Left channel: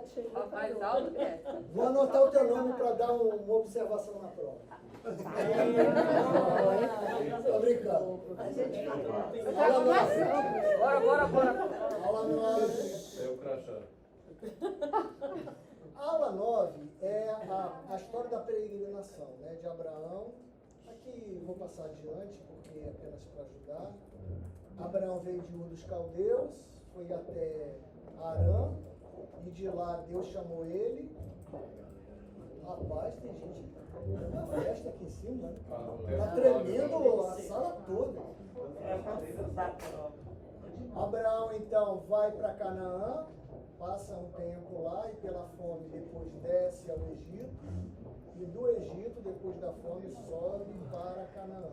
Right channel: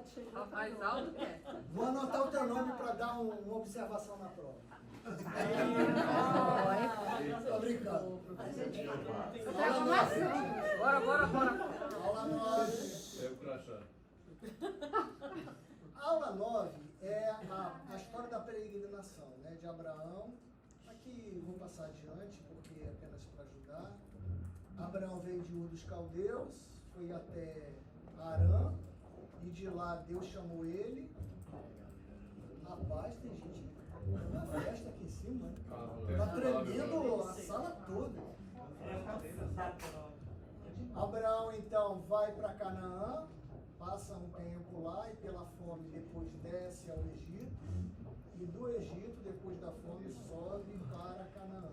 que chegou. Tá mais alto que essa. Vou anotar o teu nome para dar uma observação na prova. Estou brincando. Bora. Aula 9. É o crachá. Aula 9 é a história da peregrinação, né, de Abraão. Aqui vou passar adiante, porque é apenas para ajudar. Abraão veio de Ur dos Caldeus, foi até Harã, e de lá Deus chamou ele. Rapaz, tem gente na festa aqui em cima, né? Tá tremendo a sala toda. Abraão então vai para Canaã, passa um tempo lá e pela fome depois desce ao Egito, e do Egito, depois da fome, sobe para Canaã.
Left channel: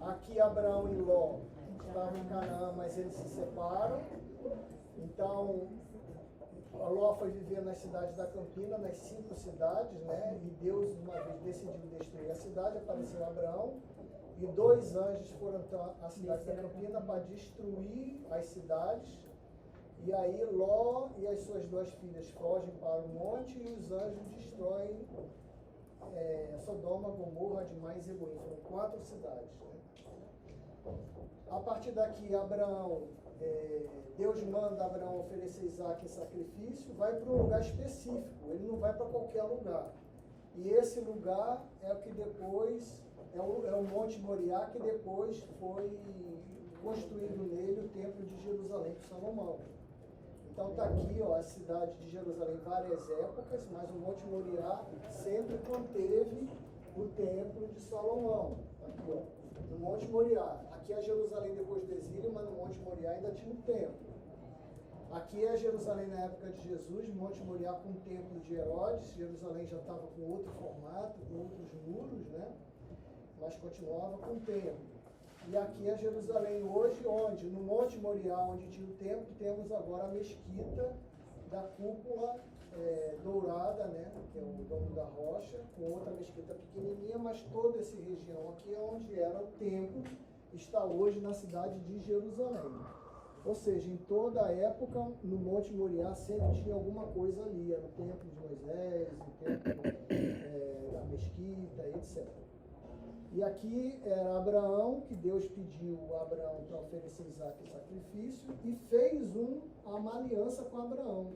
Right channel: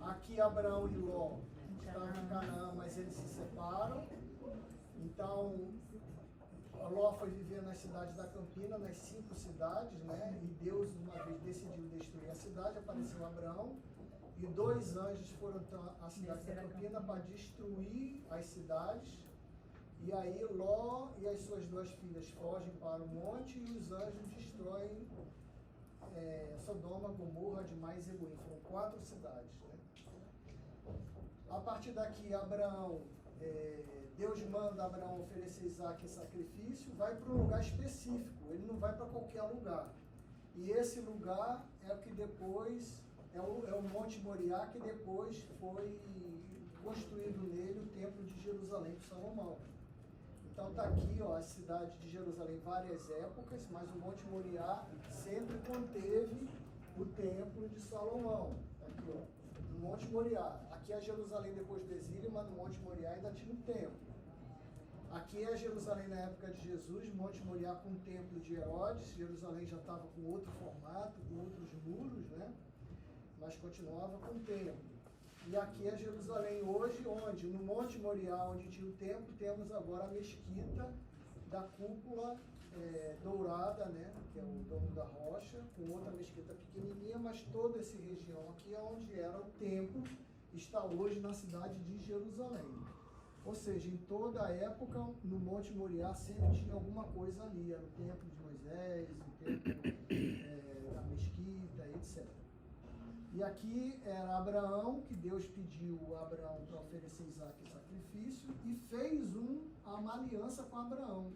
Aqui Abraão e Ló estavam em Canaã, mas eles se separam. Então Ló foi viver nas cidades da Campina, nas 5 cidades, né? E Deus uma vez decidiu destruir a cidade, apareceu Abraão, e 2 anjos foram à cidade da Campina para destruir as cidades. E aí Ló e as suas 2 filhas fogem para o monte e os anjos destroem Sodoma, Gomorra, Admá e Zeboim. Foram 4 cidades, né? A partir daqui, Abraão, Deus manda Abraão oferecer Isaac em sacrifício, vai para um lugar específico, ele não vai para qualquer lugar. E esse lugar é o que depois, é o Monte Moriá, que depois foi construído nele o Templo de Jerusalém por Salomão. Então está aqui, ó, a cidade de Jerusalém, várias épocas, mas o Monte Moriá sempre conteve o Templo de Salomão. Aqui, ó, no Monte Moriá. Aqui é Jerusalém depois do exílio, mas no Monte Moriá ainda tinha um templo. Aqui é Jerusalém na época de Jesus, Monte Moriá com o templo de Herodes. Jerusalém já estava com outro formato, com outros muros, né? Mas continuava com o templo. E aqui é Jerusalém hoje, onde no Monte Moriá, onde tinha o templo, temos agora a mesquita da cúpula dourada, né, que é o Domo da Rocha, com outra mesquita pequenininha, mas toda essa região aqui é onde era o templo, está hoje na cidade de Jerusalém. Ou seja, em toda a época, no Monte Moriá sempre tinha alguma coisa ali, era o templo de Moisés, o templo da mesquita, etc. E aqui era Abraão, que Deus pediu a Abraão para oferecer Isaac em sacrifício, e fez uma aliança com Abraão.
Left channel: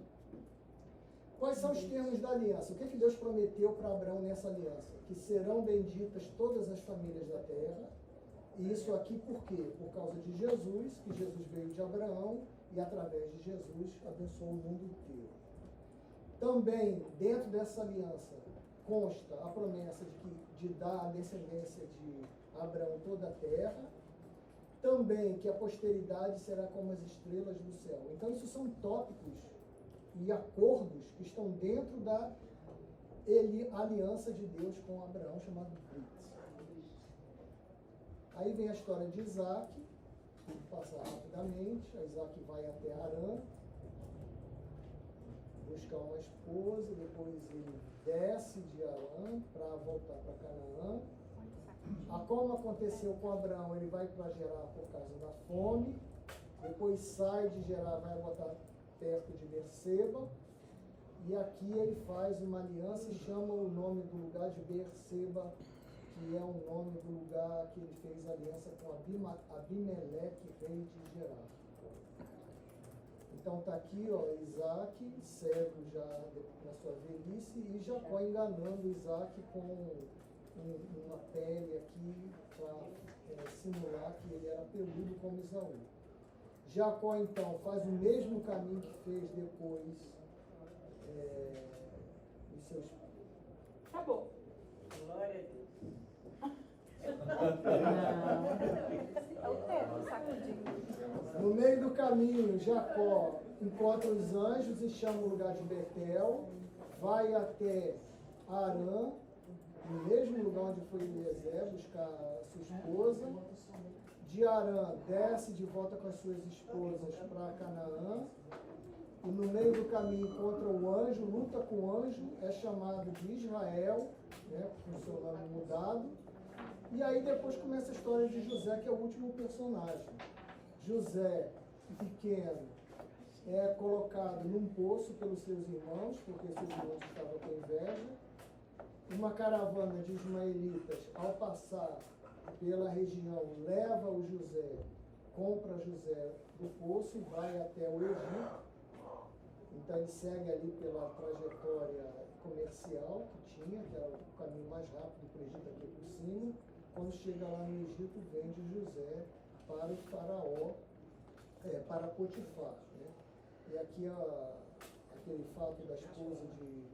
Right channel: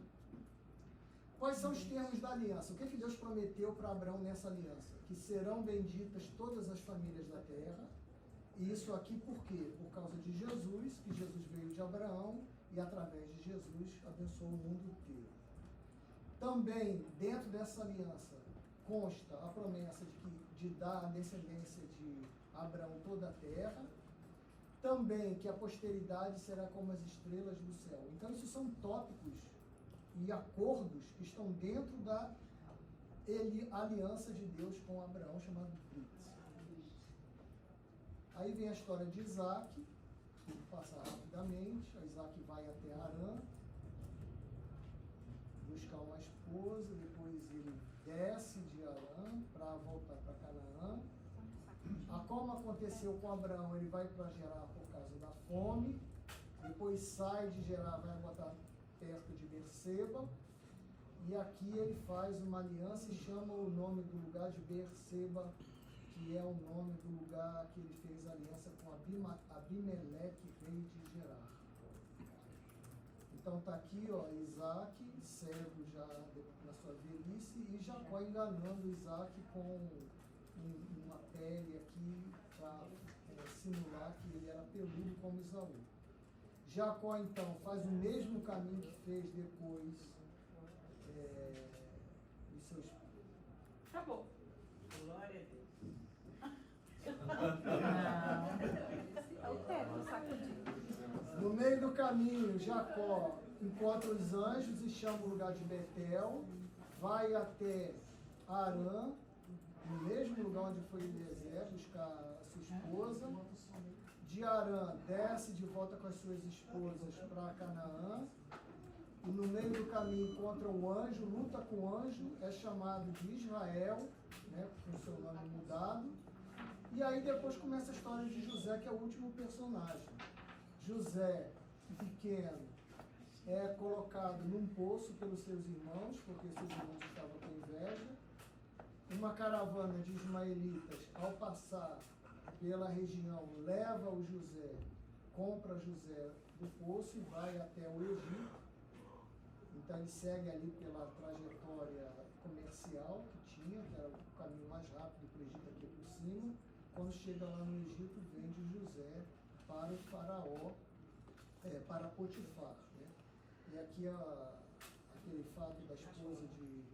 Quais são os termos da aliança? O que Deus prometeu para Abraão nessa aliança? Que serão benditas todas as famílias da terra. E isso aqui por quê? Por causa de Jesus, que Jesus veio de Abraão e através de Jesus abençoou o mundo inteiro. Também, dentro dessa aliança, consta a promessa de dar à descendência de Abraão toda a terra, também que a posteridade será como as estrelas do céu. Então, isso são tópicos e acordos que estão dentro da aliança de Deus com Abraão, chamado Brit. Aí vem a história de Isaac, vou passar rapidamente. Isaac vai até Harã, buscar uma esposa, depois ele desce de Harã para voltar para Canaã. Como aconteceu com Abraão, ele vai para Gerar por causa da fome, depois sai de Gerar, vai botar perto de Berseba, e aqui ele faz uma aliança e chama o nome do lugar de Berseba, que é o nome do lugar que ele fez aliança com Abimeleque, rei de Gerar. Então está aqui, ó, Isaac, cego já na sua velhice, e Jacó enganando Isaac com uma pele aqui para simular que ele era peludo como Esaú. Jacó então faz o mesmo caminho que fez depois os seus... Acabou. Glória a Deus. No meio do caminho, Jacó encontra os anjos e chama o lugar de Betel, vai até Harã, no mesmo lugar onde foi Eliezer, buscar a sua esposa. De Harã, desce de volta com as suas esposas para Canaã, e no meio do caminho encontra o anjo, luta com o anjo, é chamado de Israel, né, com seu nome mudado. E aí depois começa a história de José, que é o último personagem. José, pequeno, é colocado num poço pelos seus irmãos, porque seus irmãos estavam com inveja. Uma caravana de ismaelitas, ao passar pela região, leva o José, compra José do poço e vai até o Egito. Então ele segue ali pela trajetória comercial que tinha, que era o caminho mais rápido para o Egito aqui por cima. Quando chega lá no Egito, vende José para o faraó, para Potifar. Né? E aqui aquele fato da esposa de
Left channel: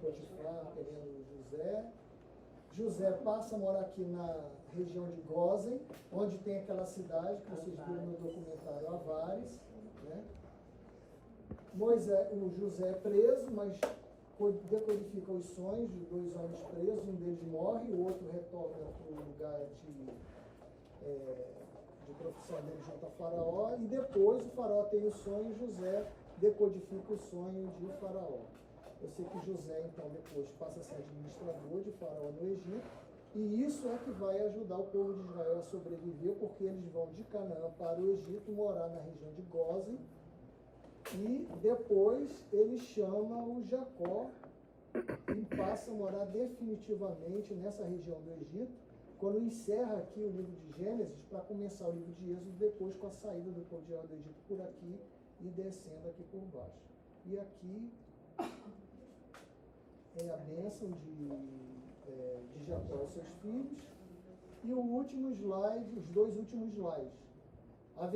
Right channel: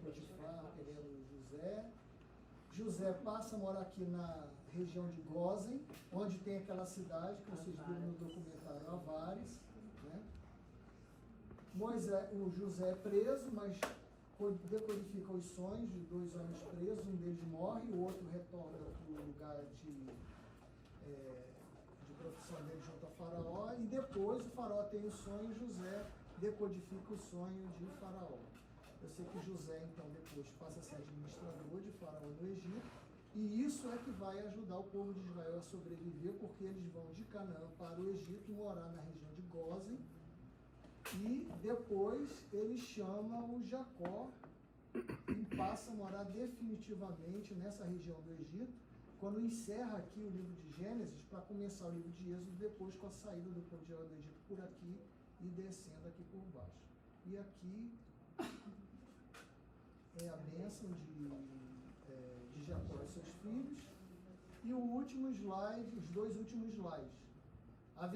Potifar querendo José. José passa a morar aqui na região de Gósen, onde tem aquela cidade que vocês viram no documentário Avares. Né? O José é preso, mas decodifica os sonhos de 2 homens presos, um deles morre, o outro retorna para o lugar de profissão dele junto a Faraó, e depois o Faraó tem o sonho e José decodifica o sonho de Faraó. Eu sei que José, então, depois passa a ser administrador de Faraó no Egito, e isso é que vai ajudar o povo de Israel a sobreviver, porque eles vão de Canaã para o Egito, morar na região de Gósen, e depois ele chama o Jacó e passa a morar definitivamente nessa região do Egito, quando encerra aqui o livro de Gênesis, para começar o livro de Êxodo, depois com a saída do povo de Israel do Egito por aqui e descendo aqui por baixo. E aqui é a bênção de Jacó e seus filhos. E o último slide, os 2 últimos slides. A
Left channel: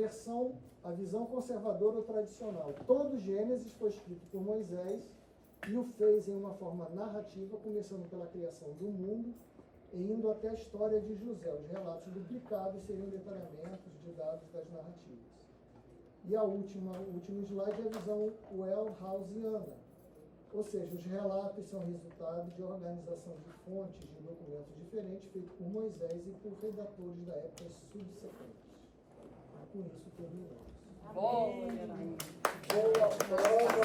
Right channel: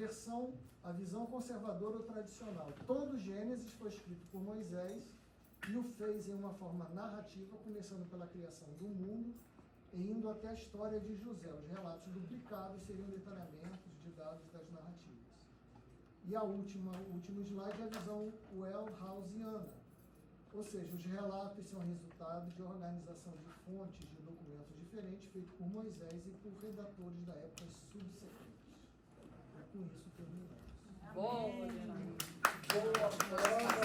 visão conservadora ou tradicional. Todo Gênesis foi escrito por Moisés e o fez em uma forma narrativa, começando pela criação do mundo e indo até a história de José. Os relatos duplicados seriam detalhamentos de dados das narrativas. E o último slide é a visão Wellhausiana. Ou seja, os relatos são resultado de organização de fontes de documentos diferentes feitos por Moisés e por redatores da época subsequentes. E com isso terminamos. Bom, Boa prova!